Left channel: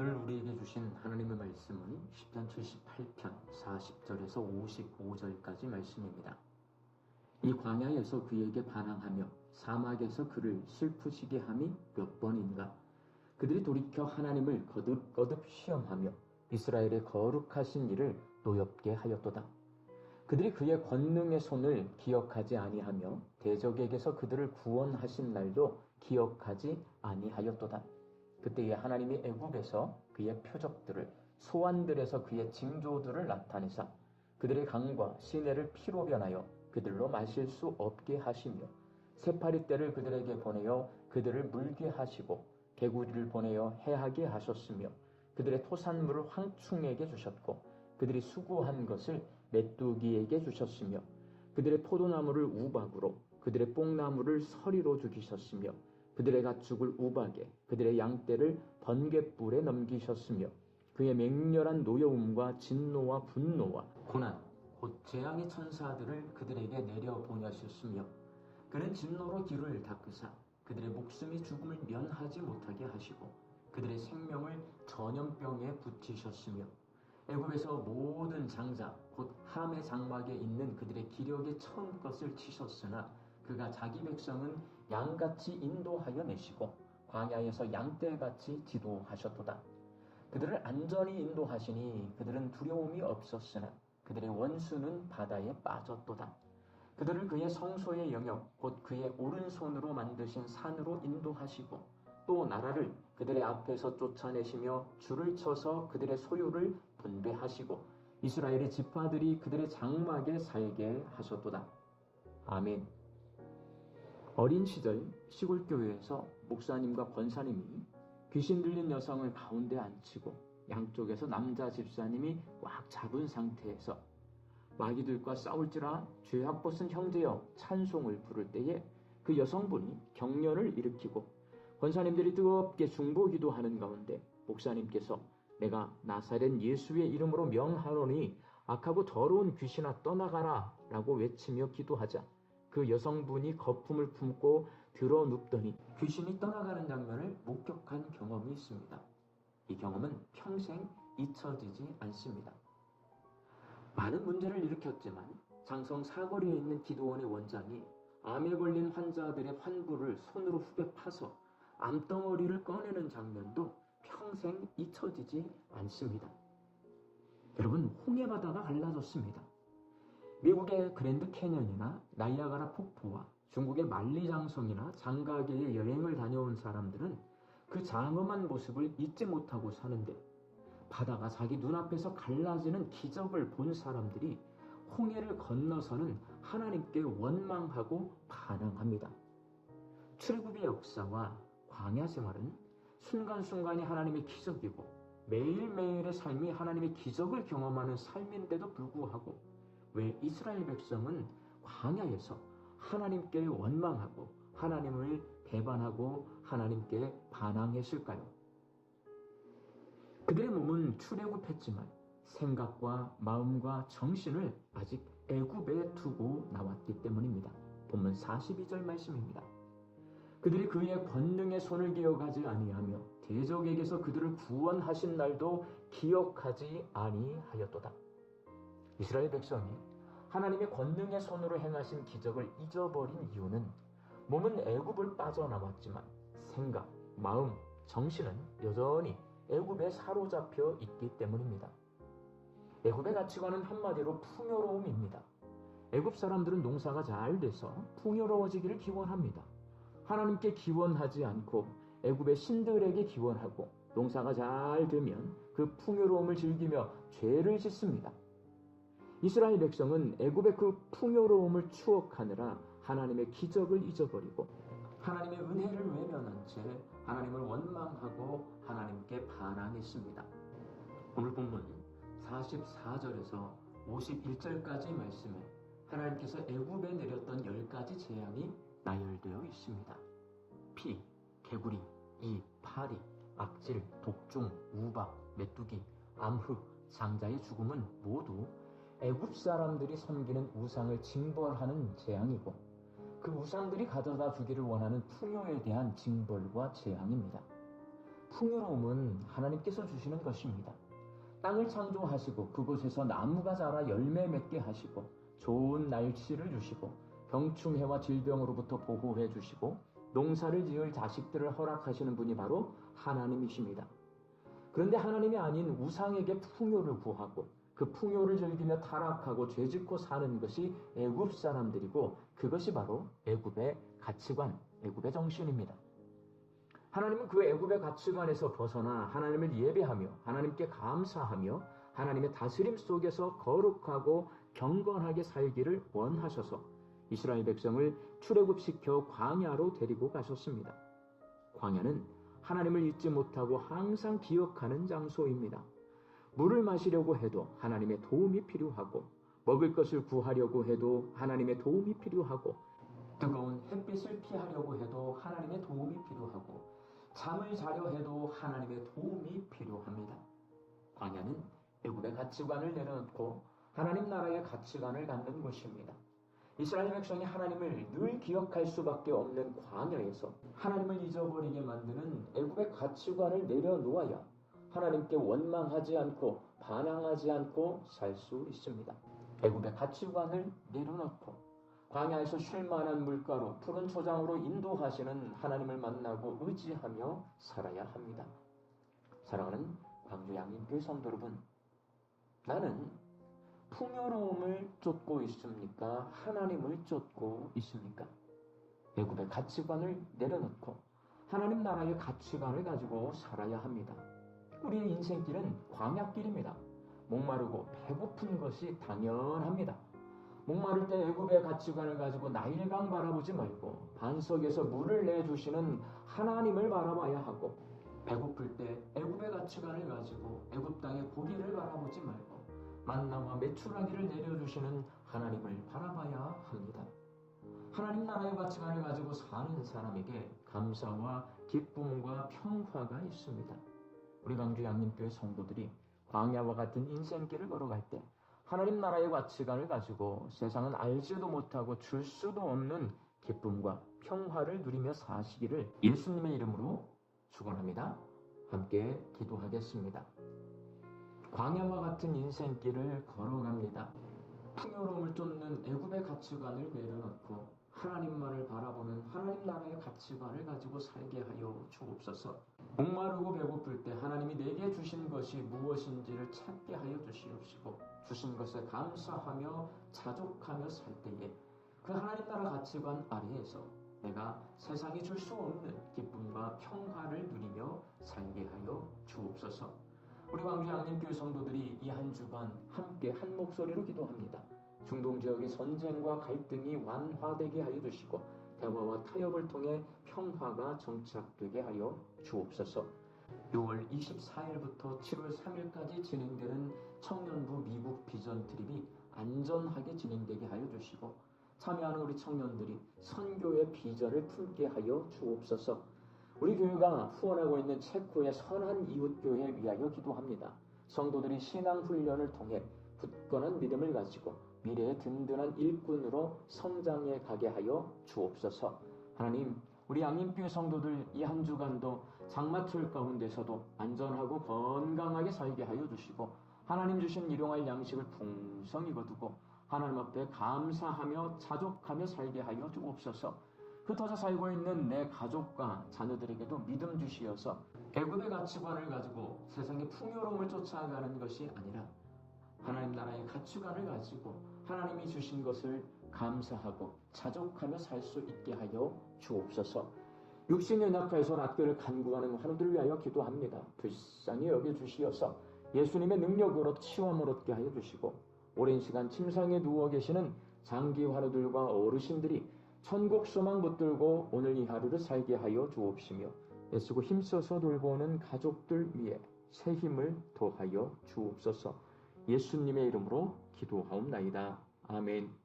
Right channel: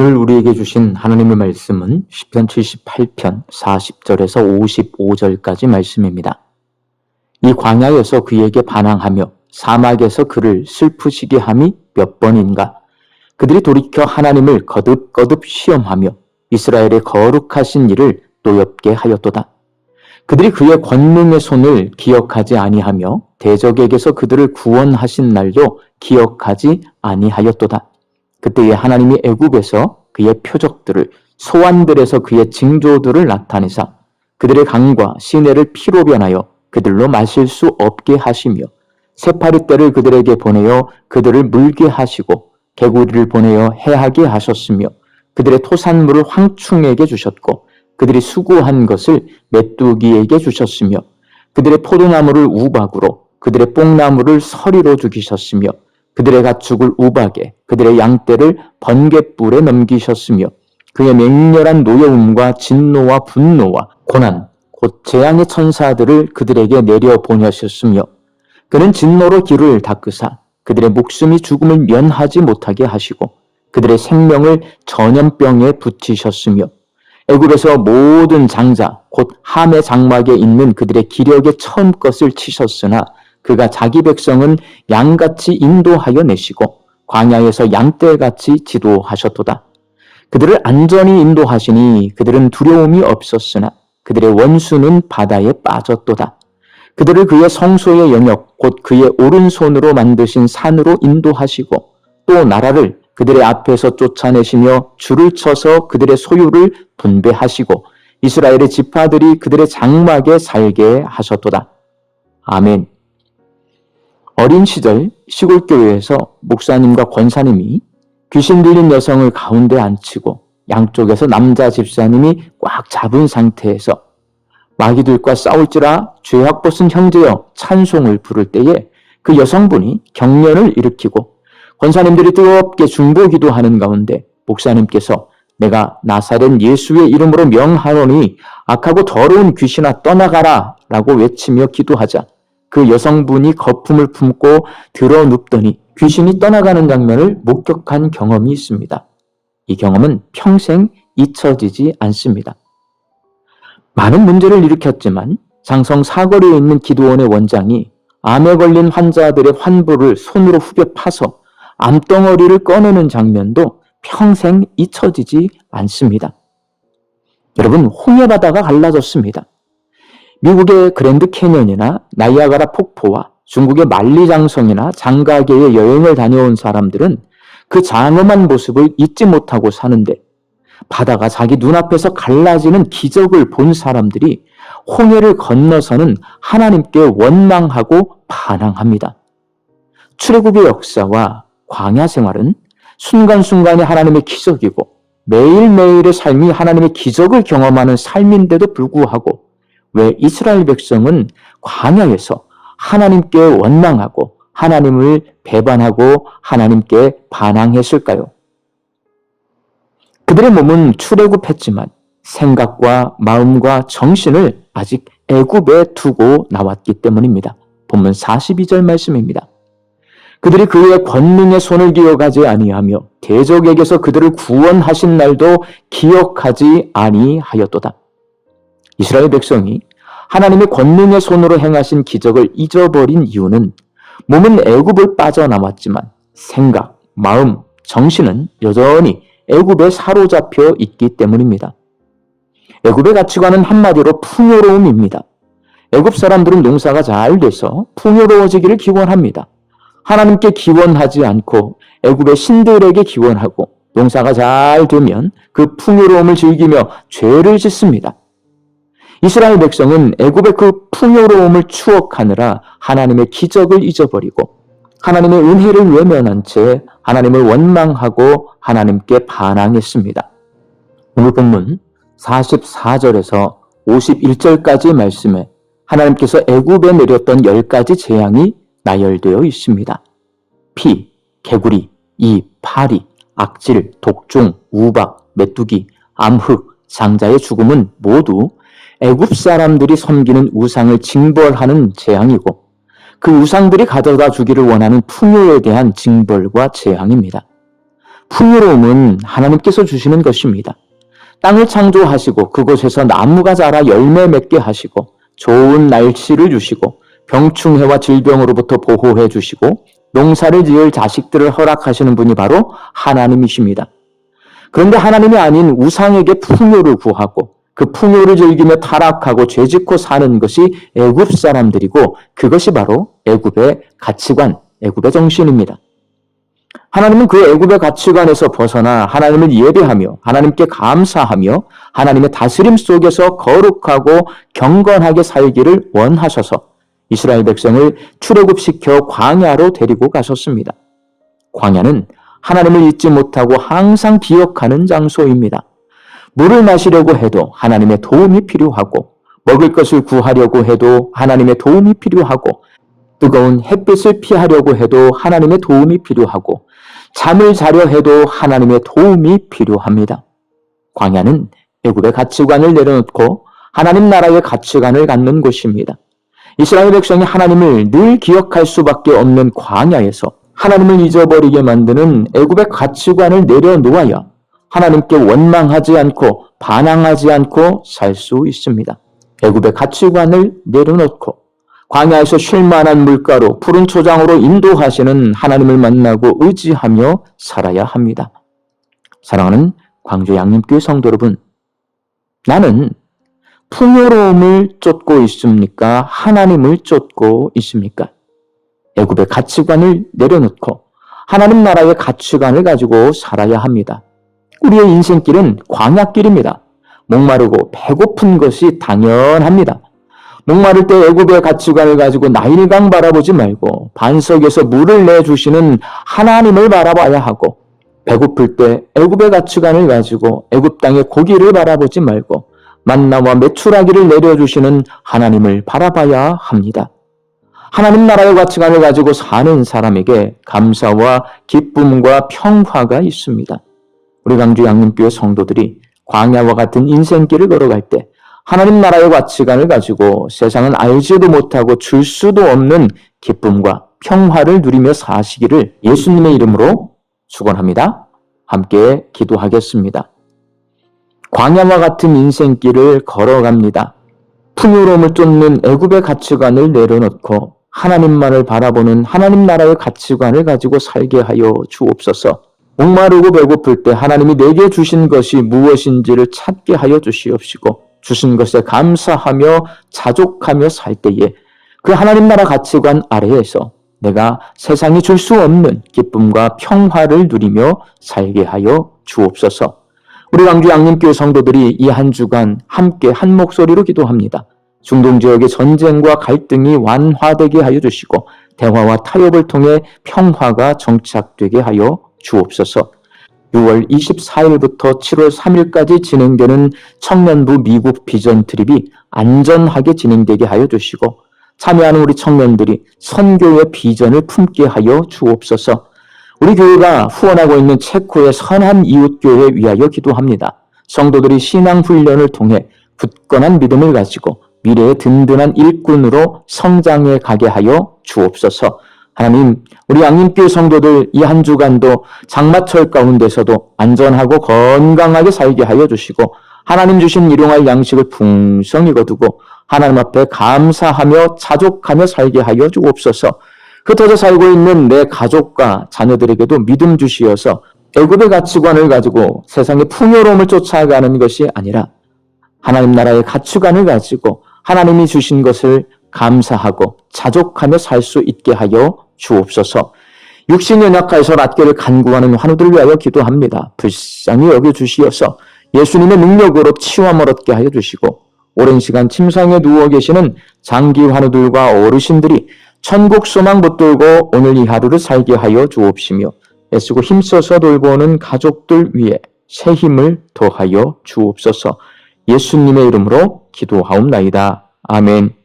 오늘 우리에게 주신 하나님의 말씀은 시편 78편 40절에서 55절까지 말씀입니다. 이 광야에서 그에게 반항하며 사막에서 그를 슬프시게 함이 몇 번인가. 그들이 돌이켜 하나님을 거듭거듭 시험하며 이스라엘의 거룩하신 일을 노엽게 하였도다. 그들이 그의 권능의 손을 기억하지 아니하며 대적에게서 그들을 구원하신 날도 기억하지 아니하였도다. 그때에 하나님이 애굽에서 그의 표적들을, 소환들에서 그의 징조들을 나타내사 그들의 강과 시내를 피로 변하여 그들로 마실 수 없게 하시며 새파리떼를 그들에게 보내어 그들을 물게 하시고 개구리를 보내어 해하게 하셨으며 그들의 토산물을 황충에게 주셨고 그들이 수고한 것을 메뚜기에게 주셨으며 그들의 포도나무를 우박으로 그들의 뽕나무를 서리로 죽이셨으며 그들의 가축을 우박에 그들의 양떼를 번갯불에 넘기셨으며 그의 맹렬한 노여움과 진노와 분노와 고난 곧 재앙의 천사들을 그들에게 내려 보내셨으며 그는 진노로 길을 닦으사 그들의 목숨이 죽음을 면하지 못하게 하시고 그들의 생명을 전염병에 붙이셨으며 애굽에서 모든 장자 곧 함의 장막에 있는 그들의 기력의 처음 것을 치셨으나 그가 자기 백성은 양같이 인도하여 내시고 광야에서 양떼같이 지도하셨도다. 그들을 안전히 인도하시니 그들은 두려움이 없었으나 그들의 원수는 바다에 빠졌도다. 그들을 그의 성소의 영역 곧 그의 오른손으로 만드신 산으로 인도하시고 또 나라를 그들의 앞에서 쫓아내시며 줄을 쳐서 그들의 소유를 분배하시고 이스라엘의 지파들이 그들의 장막에 살게 하셨도다. 아멘. 어린 시절 시골교회에서 목사님과 권사님이 귀신 들린 여성을 가운데 앉히고 양쪽에서 남자 집사님이 꽉 잡은 상태에서 마귀들과 싸울지라 죄악 벗은 형제여 찬송을 부를 때에 그 여성분이 경련을 일으키고 권사님들이 뜨겁게 중보기도하는 가운데 목사님께서 내가 나사렛 예수의 이름으로 명하노니 악하고 더러운 귀신아 떠나가라 라고 외치며 기도하자 그 여성분이 거품을 품고 들어 눕더니 귀신이 떠나가는 장면을 목격한 경험이 있습니다. 이 경험은 평생 잊혀지지 않습니다. 많은 문제를 일으켰지만 장성 사거리에 있는 기도원의 원장이 암에 걸린 환자들의 환부를 손으로 후벼 파서 암덩어리를 꺼내는 장면도 평생 잊혀지지 않습니다. 여러분, 홍해바다가 갈라졌습니다. 미국의 그랜드 캐년이나 나이아가라 폭포와 중국의 만리장성이나 장가계에 여행을 다녀온 사람들은 그 장엄한 모습을 잊지 못하고 사는데 바다가 자기 눈앞에서 갈라지는 기적을 본 사람들이 홍해를 건너서는 하나님께 원망하고 반항합니다. 출애굽의 역사와 광야 생활은 순간순간이 하나님의 기적이고 매일매일의 삶이 하나님의 기적을 경험하는 삶인데도 불구하고 왜 이스라엘 백성은 광야에서 하나님께 원망하고 하나님을 배반하고 하나님께 반항했을까요? 그들의 몸은 출애굽했지만 생각과 마음과 정신을 아직 애굽에 두고 나왔기 때문입니다. 본문 42절 말씀입니다. 그들이 그의 권능의 손을 기억하지 아니하며 대적에게서 그들을 구원하신 날도 기억하지 아니하였도다. 이스라엘 백성이 하나님의 권능의 손으로 행하신 기적을 잊어버린 이유는 몸은 애굽을 빠져나왔지만 생각, 마음, 정신은 여전히 애굽에 사로잡혀 있기 때문입니다. 애굽의 가치관은 한마디로 풍요로움입니다. 애굽 사람들은 농사가 잘 돼서 풍요로워지기를 기원합니다. 하나님께 기원하지 않고 애굽의 신들에게 기원하고 농사가 잘 되면 그 풍요로움을 즐기며 죄를 짓습니다. 이스라엘 백성은 애굽의 그 풍요로움을 추억하느라 하나님의 기적을 잊어버리고 하나님의 은혜를 외면한 채 하나님을 원망하고 하나님께 반항했습니다. 오늘 본문 44절에서 51절까지의 말씀에 하나님께서 애굽에 내렸던 10가지 재앙이 나열되어 있습니다. 피, 개구리, 이, 파리, 악질, 독종, 우박, 메뚜기, 암흑, 장자의 죽음은 모두 애굽 사람들이 섬기는 우상을 징벌하는 재앙이고 그 우상들이 가져다 주기를 원하는 풍요에 대한 징벌과 재앙입니다. 풍요로움은 하나님께서 주시는 것입니다. 땅을 창조하시고 그곳에서 나무가 자라 열매 맺게 하시고 좋은 날씨를 주시고 병충해와 질병으로부터 보호해 주시고 농사를 지을 자식들을 허락하시는 분이 바로 하나님이십니다. 그런데 하나님이 아닌 우상에게 풍요를 구하고 그 풍요를 즐기며 타락하고 죄짓고 사는 것이 애굽 사람들이고 그것이 바로 애굽의 가치관, 애굽의 정신입니다. 하나님은 그 애굽의 가치관에서 벗어나 하나님을 예배하며 하나님께 감사하며 하나님의 다스림 속에서 거룩하고 경건하게 살기를 원하셔서 이스라엘 백성을 출애굽시켜 광야로 데리고 가셨습니다. 광야는 하나님을 잊지 못하고 항상 기억하는 장소입니다. 물을 마시려고 해도 하나님의 도움이 필요하고 먹을 것을 구하려고 해도 하나님의 도움이 필요하고 뜨거운 햇빛을 피하려고 해도 하나님의 도움이 필요하고 잠을 자려 해도 하나님의 도움이 필요합니다. 광야는 애굽의 가치관을 내려놓고 하나님 나라의 가치관을 갖는 곳입니다. 이스라엘 백성이 하나님을 늘 기억할 수밖에 없는 광야에서 하나님을 잊어버리게 만드는 애굽의 가치관을 내려놓아야 하나님께 원망하지 않고 반항하지 않고 살 수 있습니다. 애굽의 가치관을 내려놓고 광야에서 쉴만한 물가로 푸른 초장으로 인도하시는 하나님을 만나고 의지하며 살아야 합니다. 사랑하는 광주 양림교회 성도 여러분, 나는 풍요로움을 쫓고 있습니까? 하나님을 쫓고 있습니까? 애굽의 가치관을 내려놓고 하나님 나라의 가치관을 가지고 살아야 합니다. 우리의 인생길은 광야길입니다. 목마르고 배고픈 것이 당연합니다. 목마를 때 애굽의 가치관을 가지고 나일강 바라보지 말고 반석에서 물을 내주시는 하나님을 바라봐야 하고, 배고플 때 애굽의 가치관을 가지고 애굽 땅의 고기를 바라보지 말고 만나와 메추라기를 내려주시는 하나님을 바라봐야 합니다. 하나님 나라의 가치관을 가지고 사는 사람에게 감사와 기쁨과 평화가 있습니다. 우리 광주 양림교회 성도들이 광야와 같은 인생길을 걸어갈 때 하나님 나라의 가치관을 가지고 세상은 알지도 못하고 줄 수도 없는 기쁨과 평화를 누리며 사시기를 예수님의 이름으로 축원합니다. 함께 기도하겠습니다. 광야와 같은 인생길을 걸어갑니다. 풍요로움을 쫓는 애굽의 가치관을 내려놓고 하나님만을 바라보는 하나님 나라의 가치관을 가지고 살게 하여 주옵소서. 목마르고 배고플 때 하나님이 내게 주신 것이 무엇인지를 찾게 하여 주시옵시고, 주신 것에 감사하며 자족하며 살 때에 그 하나님 나라 가치관 아래에서 내가 세상이 줄 수 없는 기쁨과 평화를 누리며 살게 하여 주옵소서. 우리 광주 양림교회 성도들이 이 한 주간 함께 한 목소리로 기도합니다. 중동 지역의 전쟁과 갈등이 완화되게 하여 주시고 대화와 타협을 통해 평화가 정착되게 하여 주옵소서. 6월 24일부터 7월 3일까지 진행되는 청년부 미국 비전 트립이 안전하게 진행되게 하여 주시고 참여하는 우리 청년들이 선교의 비전을 품게 하여 주옵소서. 우리 교회가 후원하고 있는 체코의 선한 이웃교회 위하여 기도합니다. 성도들이 신앙훈련을 통해 굳건한 믿음을 가지고 미래의 든든한 일꾼으로 성장해 가게 하여 주옵소서. 하나님, 우리 양림교회 성도들 이 한 주간도 장마철 가운데서도 안전하고 건강하게 살게 하여 주시고 하나님 주신 일용할 양식을 풍성히 거두고 하나님 앞에 감사하며 자족하며 살게 하여 주옵소서. 흩어져 살고 있는 내 가족과 자녀들에게도 믿음 주시어서 애굽의 가치관을 가지고 세상의 풍요로움을 쫓아가는 것이 아니라 하나님 나라의 가치관을 가지고 하나님이 주신 것을 감사하고 자족하며 살 수 있게 하여 주옵소서. 육신 연약하여서 낫기를 간구하는 환우들을 위하여 기도합니다. 불쌍히 여겨주시어서 예수님의 능력으로 치유함을 얻게 하여 주시고 오랜 시간 침상에 누워 계시는 장기 환우들과 어르신들이 천국 소망 붙들고 오늘 이 하루를 살게 하여 주옵시며 애쓰고 힘써서 돌보는 가족들 위해 새 힘을 더하여 주옵소서. 예수님의 이름으로 기도하옵나이다. 아멘.